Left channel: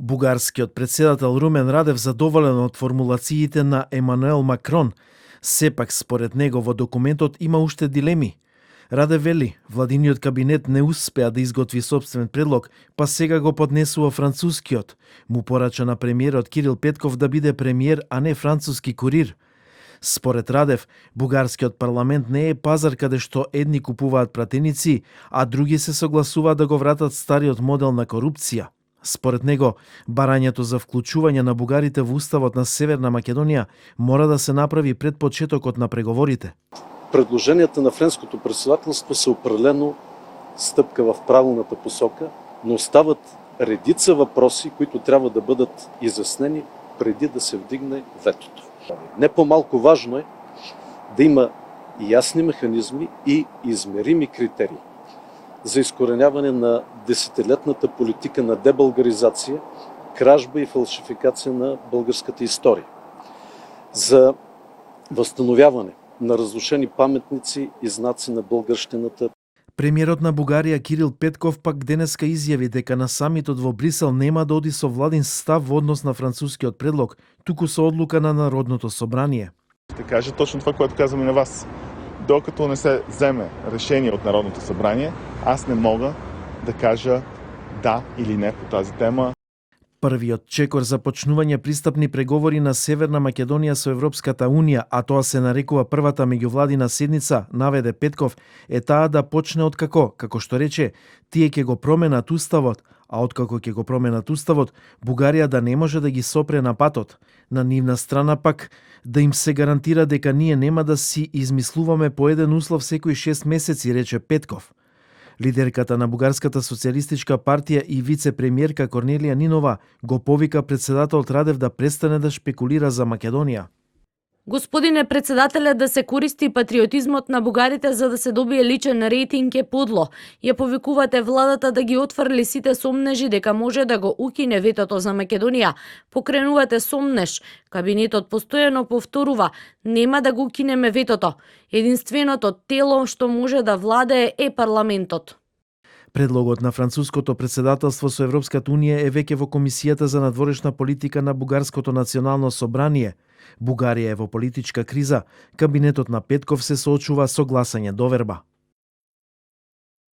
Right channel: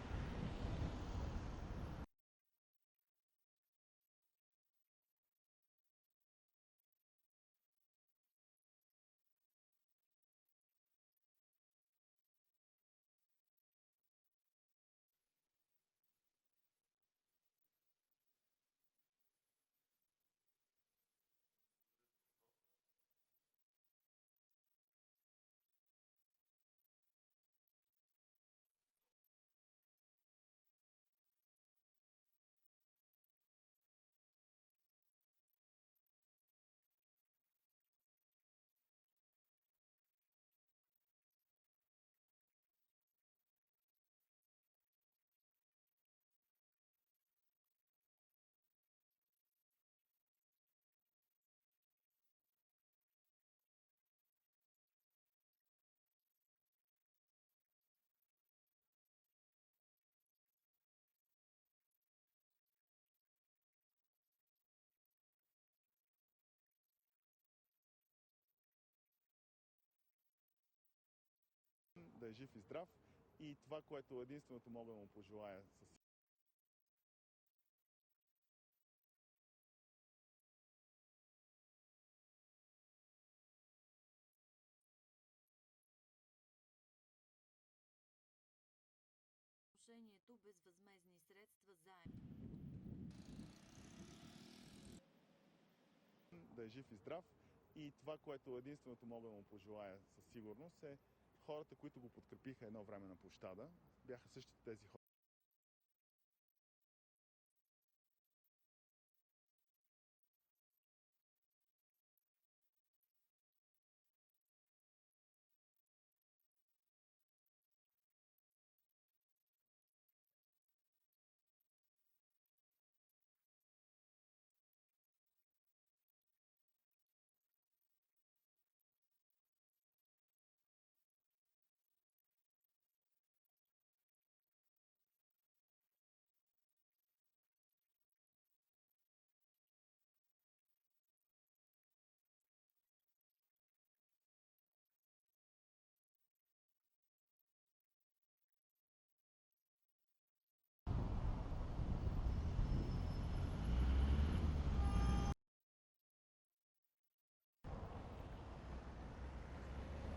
Бугарскиот председател Румен Радев задоволен од формулациите на Емануел Макрон, сепак според него во документот има уште дилеми. Радев вели, владиниот кабинет не успеа да изготви собствен предлог, па сега го поднесува францускиот. Му порача на премиерот Кирил Петков да биде премиер, а не француски курир. Според Радев, бугарскиот парламент не е пазар каде што едни купуваат пратеници, а други се согласуваат да го вратат стариот модел на корупција. Според него, барањето за вклучување на бугарите во уставот на Северна Македонија мора да се направи пред почетокот на преговорите. Предложенията на френското председателство са определено стъпка в правилната посока, но остават редица въпроси, които трябва да бъдат изяснени преди да се вдигне ветото. Не по-малко важно е да има ясни механизми и измерими критерии за изкореняване на десетилетната политика на дебългаризация, кражба и фалшификация на българската история, за възстановяване на разрушени паметници и знаци на българщината. Премиерот на Бугарија Кирил Петков пак денеска изјави дека на самитот во Брисел нема да оди со владин став во однос на францускиот предлог, туку со одлука на Народното собрание. Ще кажа точно това, което казваме на вас. Докато не се вземе решение от Народното събрание, аз не мога да кажа да или не по тази тема. Првиот чекор за почнување пристапни преговори на Северна Македонија со Европската Унија, а тоа се нарекува првата меѓувладина седница, наведе Петков, е таа да почне откако, како што рече, тие ќе го променат уставот, а откако ќе го променат уставот, Бугарија да не може да ги сопре на патот. На нивна страна пак, да им се гарантира дека ние нема да си измислуваме по еден услов секои 6 месеци, рече Петков. Лидерката на Бугарската социјалистичка партија и вице-премиерка Корнелија Нинова го повика председателот Радев да престане да шпекулира за Македонија. Господине председателе, да се користи патриотизмот на бугарите за да се добие личен рейтинг е подло. Ја повикувате владата да ги отфрли сите сомнежи дека може да го укине ветото за Македонија. Покренувате сомнеж. Кабинетот постојано повторува, нема да го укинеме ветото. Единственото тело што може да владее е парламентот. Предлогот на француското председателство со Европската Унија е веќе во Комисијата за надворешна политика на Бугарското национално собрание. Бугарија е во политичка криза, кабинетот на Петков се соочува со гласање доверба.